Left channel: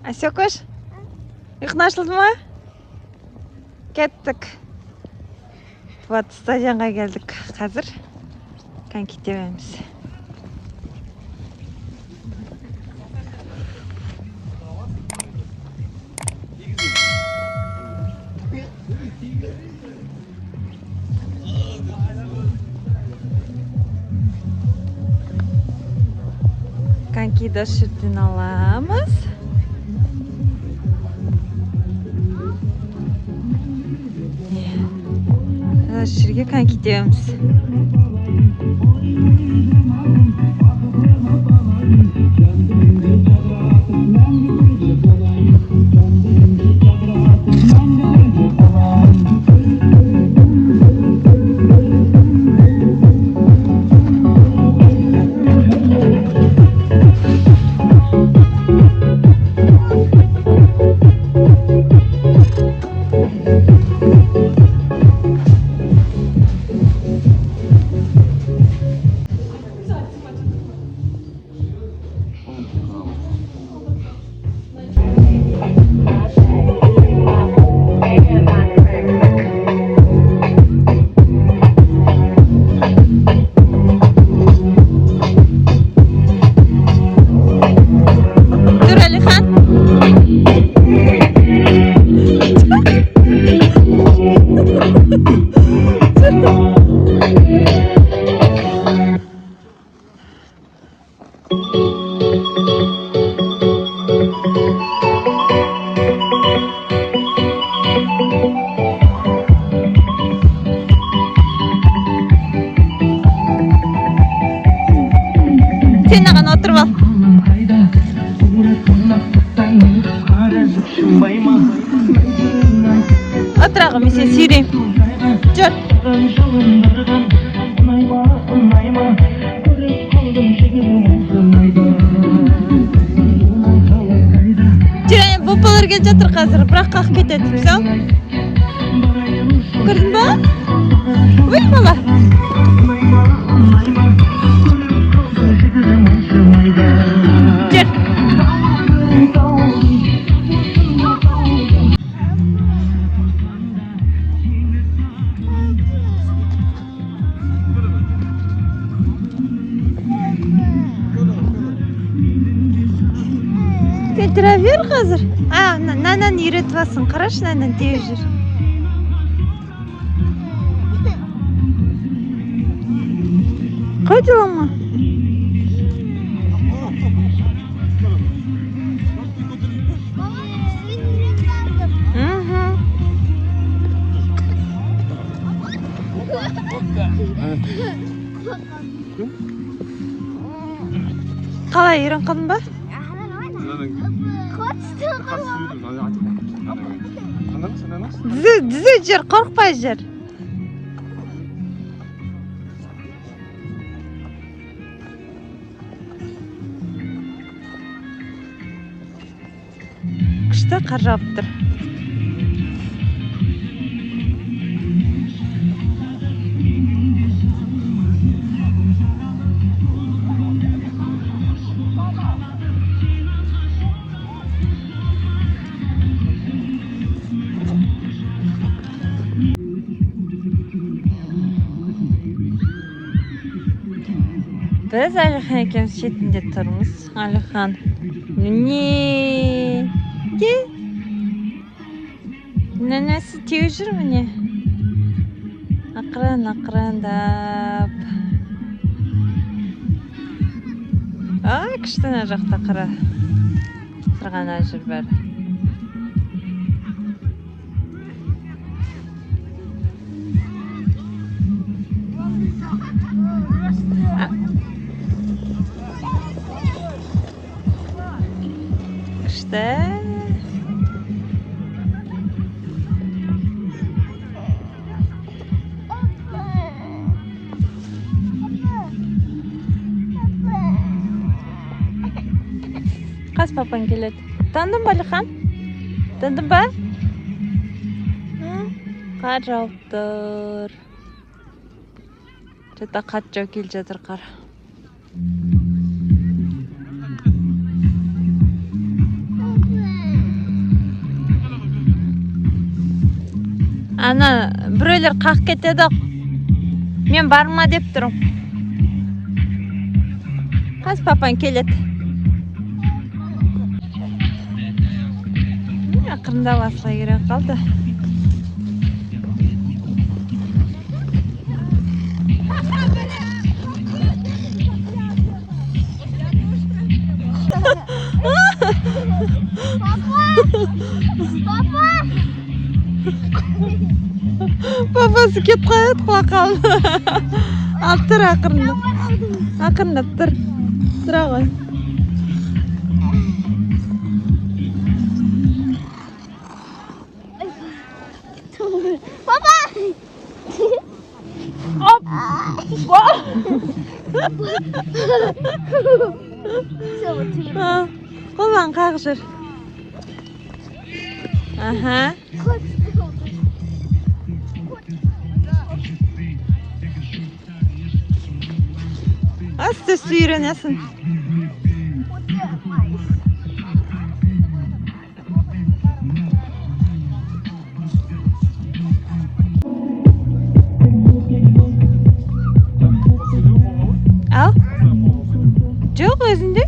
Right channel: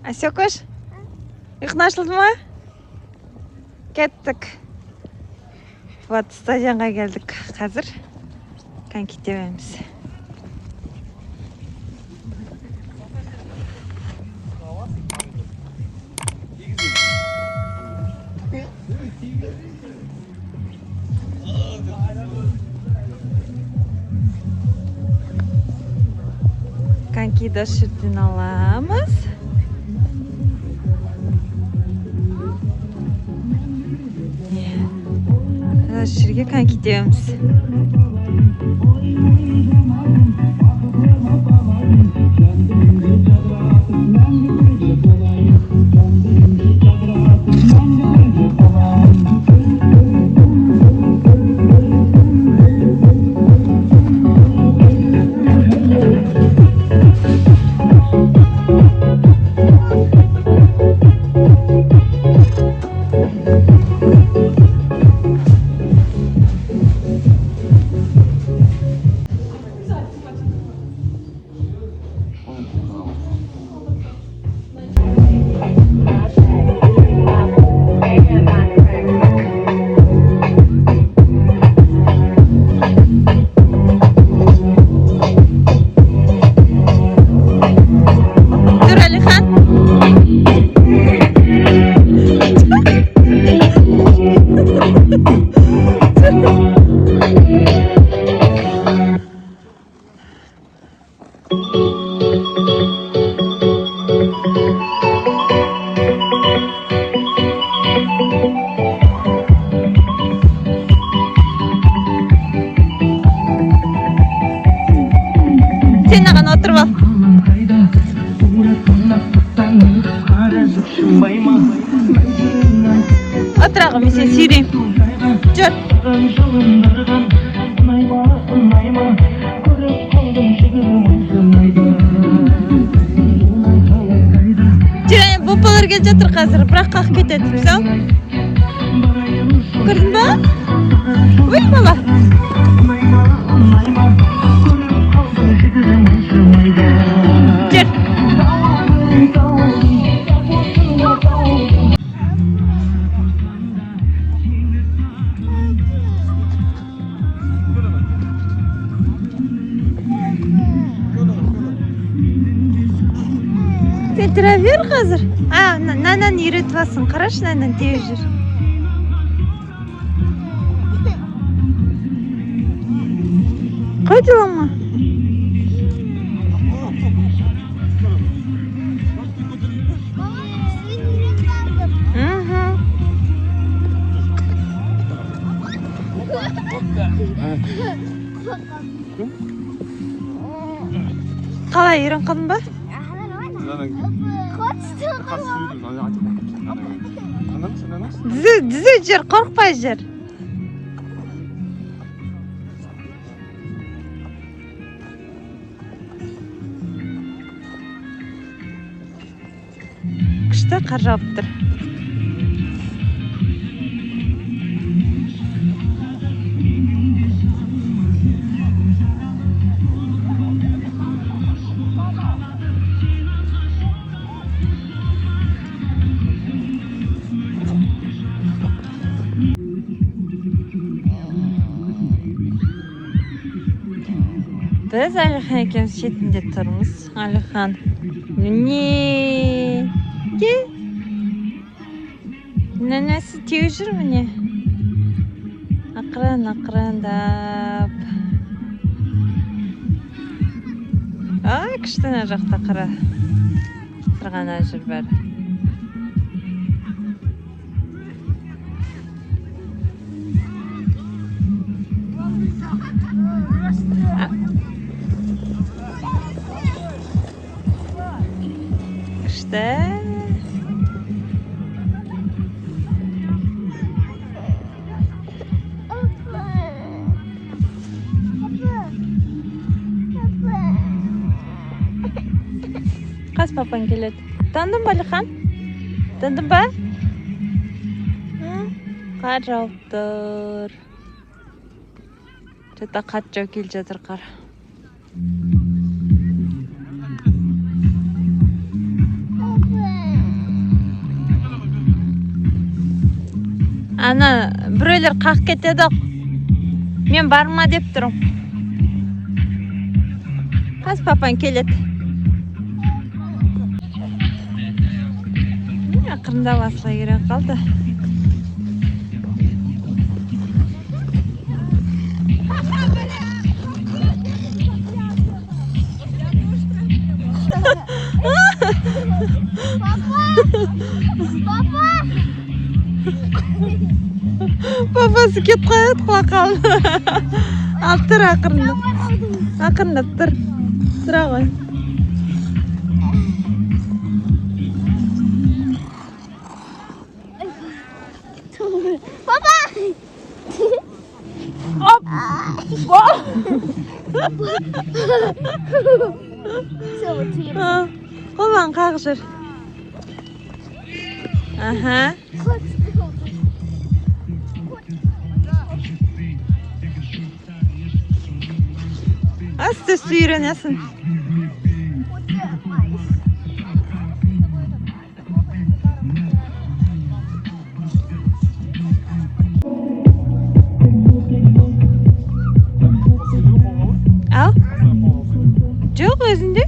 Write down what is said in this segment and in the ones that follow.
Асекош, ұйқың ашылды ма? Кеттік. Вот, стадионға келдік. Қазір коньки тебеміз. Конькиді осы жерден аламыз. Осы жерге коньки тебеміз. Sen de bana otur bak. Otur ağam, bir şey süreyim. Dur. Babalar gelince otur қазір, бірақ қалқып кетеді, сал. Көрдің ба? Ой, бала. Жүр. Сен тұра бер қазір. Нанан үйретіп алсын. Қарашы, нанан тез жүр. Қойды оңа? Қалай, үйрен қылдың ба? Düze jür, korkpay jür. Kışta qar jaup tur. Biz Aliхан ekemiz şetinde turmiz. Aliхан. Ne? De? Nenesi tegi jür mine? Aqran-aqrandap. Kıştana жақта қара. Тұрғана жүр бәрі. Kışta. Қас папан келеді. Тандың ба, Алихан? Тандың ба? Қар жауып тұр. Жата қат жау кел жатыр қар. Ана біреулер қақ кетеді. Мен барма деп тұрым. Қаз папаң келеді. Ақырында басыла керек қалды. Папасы кетіп қояды құлаққан. Алып тұр ақырында. Ақырында тұр. Тұра ғой. Папа! Құлан қақ жүр. Аха. Асты сүйренесің. Ал? Жоқ өзінде.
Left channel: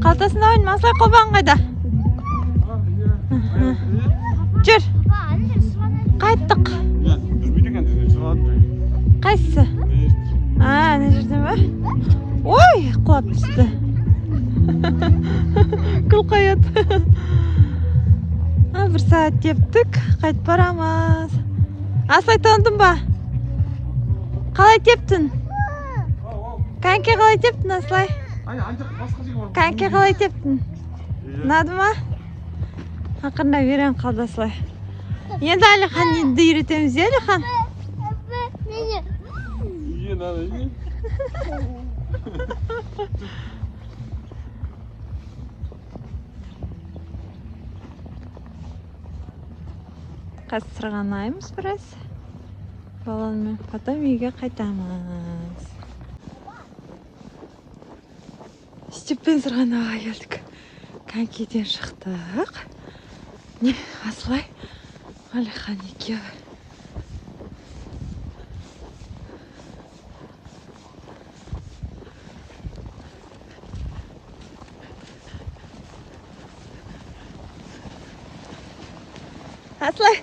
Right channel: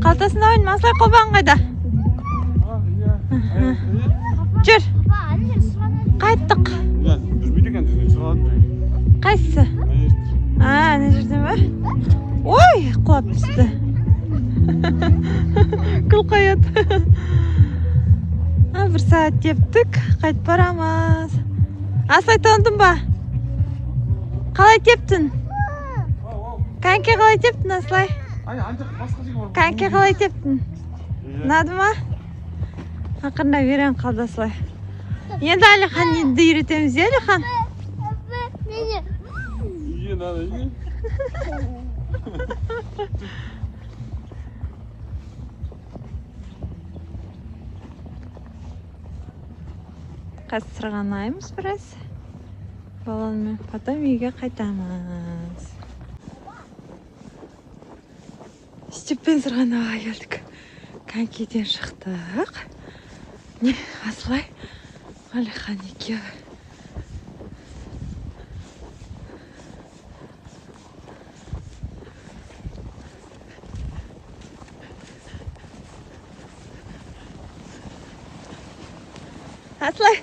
Қалтасында ойын масай қолбан қайда? Жүр. Қайттық. Қайсысы? Әне жерден ба? Ой, құлап түсті. Күл қайыт. Бір сағат тептік, қайт барамыз. Асай тондың ба? Қалай тептің? Қанке қалай тептің, Аслай? Қанке қалай тептің? Ұнады ма? Ақырында үйрен қалды, Аслай. Енді Алихан енді үйретеміз, Алихан? Қазір сырғанаймыз біраз. Баланы потом үйге қайтамыз. Степпен сырғанауға келдік. Конькиден шықтық. Аслай, Алихан екеуі. Аслай,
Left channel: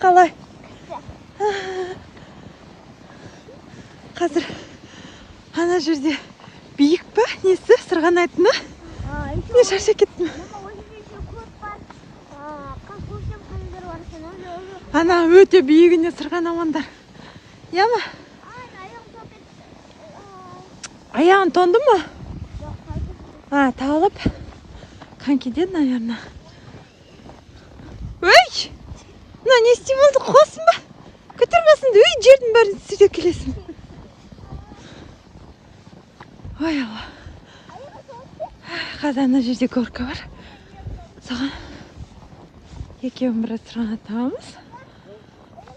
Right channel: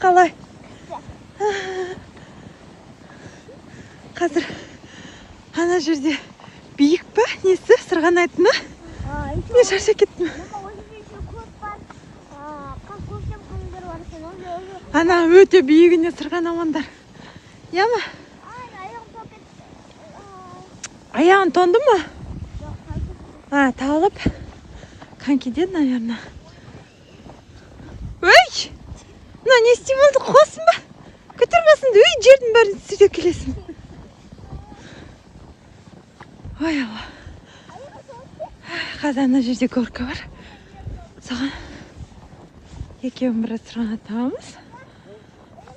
қалай? Қазір ана жерде биік па? Несі? Сырғанайтыны? Не шашы кеттің? Ана өте биігіне сырғанамандар. Яма? Аяғын тонды ма? Тағылып. Конькиден, наверное. Өй! Не істей болды? Құласын ба? Көтермесін, өй, жердің бәрін сүрде келесің. Ой, Алла. Қазір ана жерде горка бар. Саған екеуін біраз сырғанатамыз.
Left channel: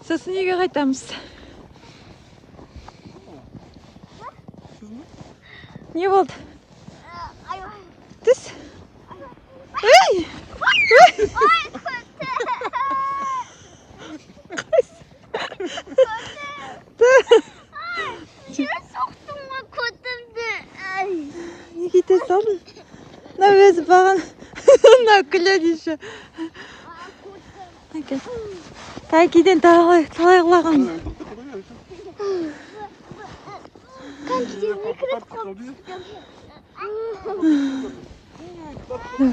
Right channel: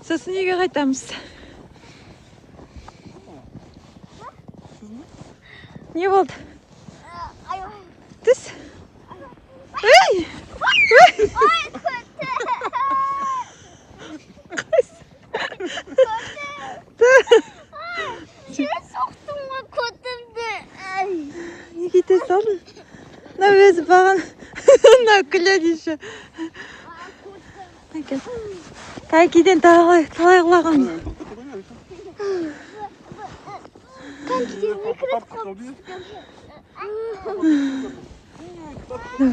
Сосын үйге қайтамыз. Не болды? Түс? Ой! Не кете салдың? Өзі баған. Күледі еще. Конькиден талай құлаған. Конькиден не кіріп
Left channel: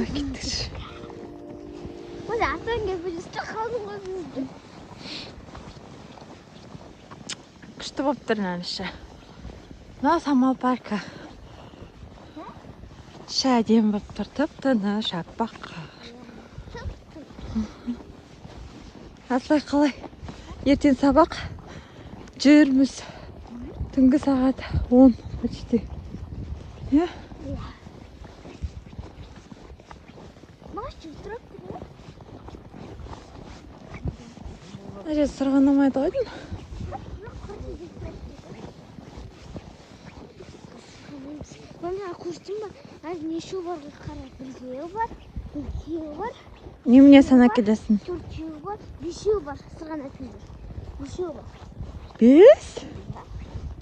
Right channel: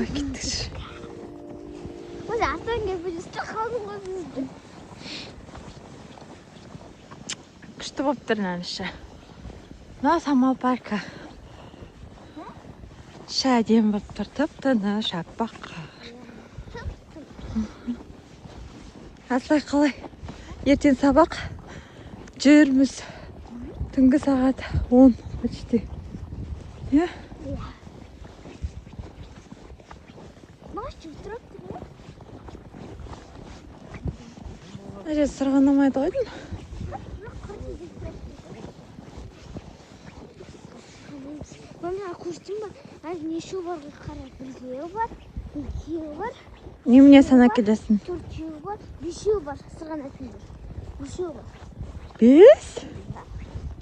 Кеттік. Күшті болып тұр нәніші. Самал парка. Шәден бір тұртып-тыны шақпаққа. Аслай қалай? Ертең сабақ жүрміз. Түнгі сағат 10 өтті. Не? Әже сырғанамайды қойдың? Мына құштың ба? Неше бар? Білгеу бар, білгеу бар. Немене санап келесің? 4 var, 5 var. Sırğana tüydür. 5 var. 5?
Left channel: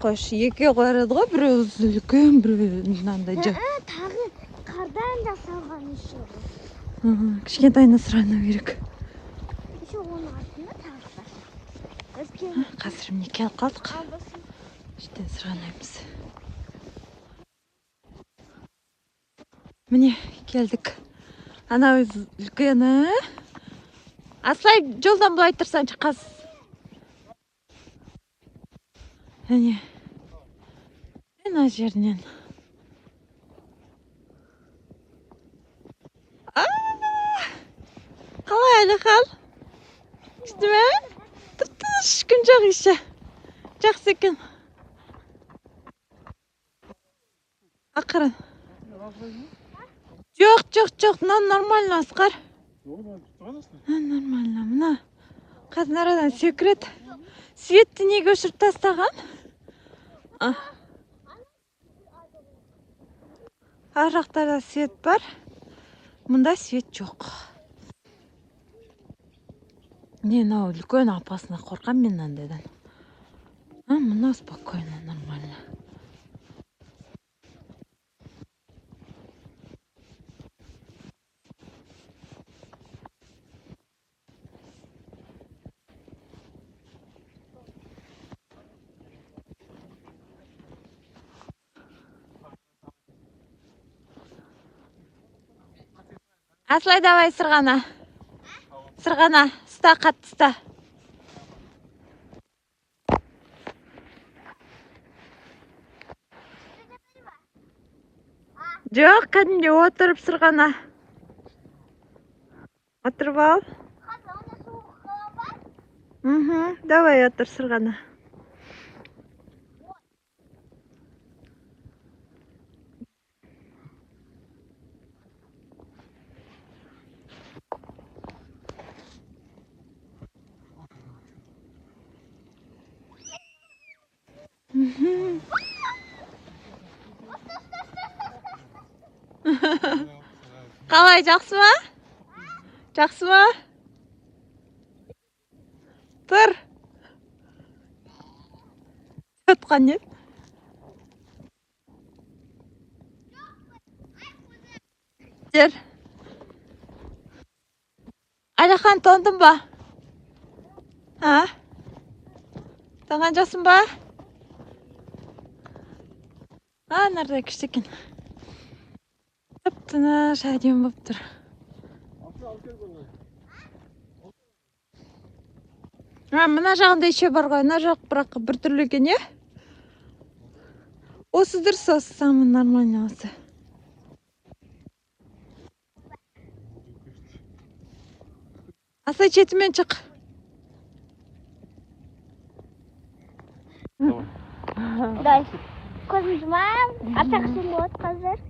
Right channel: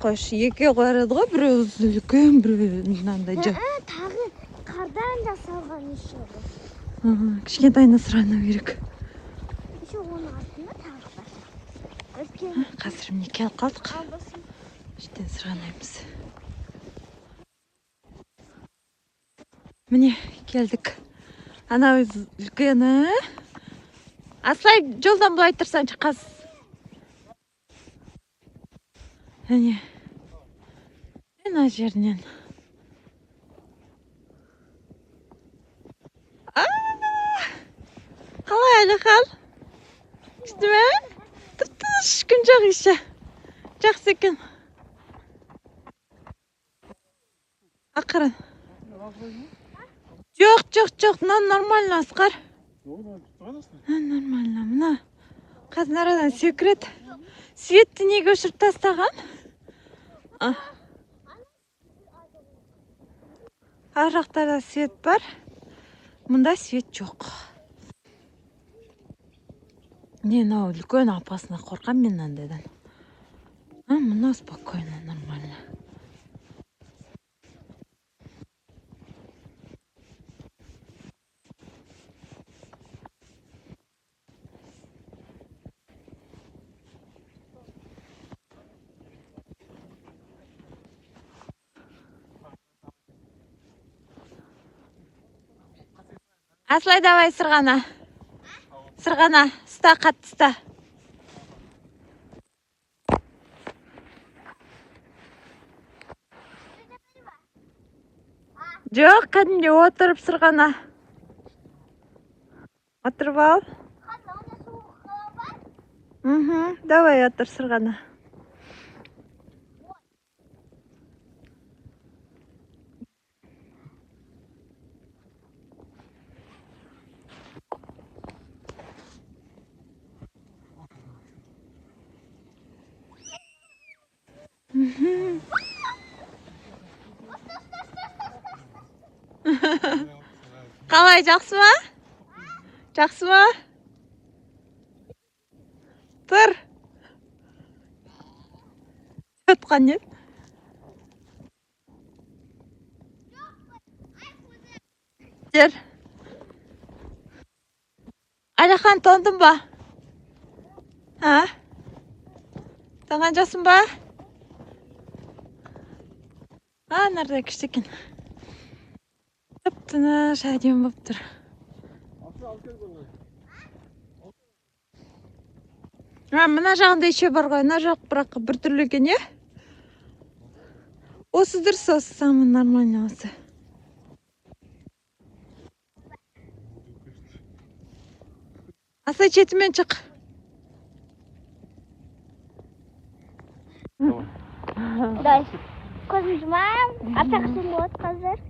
Қош, 2 қойырады ғой, біреу үлкен, біреу мынандай жа. Tағы qardan da salған işi var. Кішкентайына сұрану керек. Еще оның артында тағы бар. Қазір міне келіп қалдық. Іштен сұранаймыз. Міне келдік. Анау үлкені. Асай жолдан былай тұрсаншы қаз. Міне. Ана жерінен. Қалай әлі қал? Ішті ме? Тыртыш күн жоқ іші. Жақсы екен. Ақырын. Жоқ, нормально, Асқар. Нормально, мына. Қазір арадан секірет. Светті неге өшіріп тастаған? Ар жақтарда свет бар. Мұнда свет жоқ. Мен ау үлкен апасына қорқам мен андайдан. Мұна спокойно, нормально. Аслай, давай сырғана. Сырғана, ұста, қатты ұста. Жоқ, кәдімде отырып сырғана. Отырып ал. Давай отыр сырғана. Қалай, жақсы ма? Жақсы ма? Тұр. Өтқан ет. Жер. Алихан, тоңдың ба? Тоңған жоқсың ба? Нарда күшті екен. Тып-тыныш әдемі болып тұр. Мына жағында еще бар ғой, мына жақ бірақ бір түрлі екен, е? Осы дұрыс, осы самый нормальный осы. Асай, четімен шық. Дай. Көзім жұмайым, артақ сен болады қазір.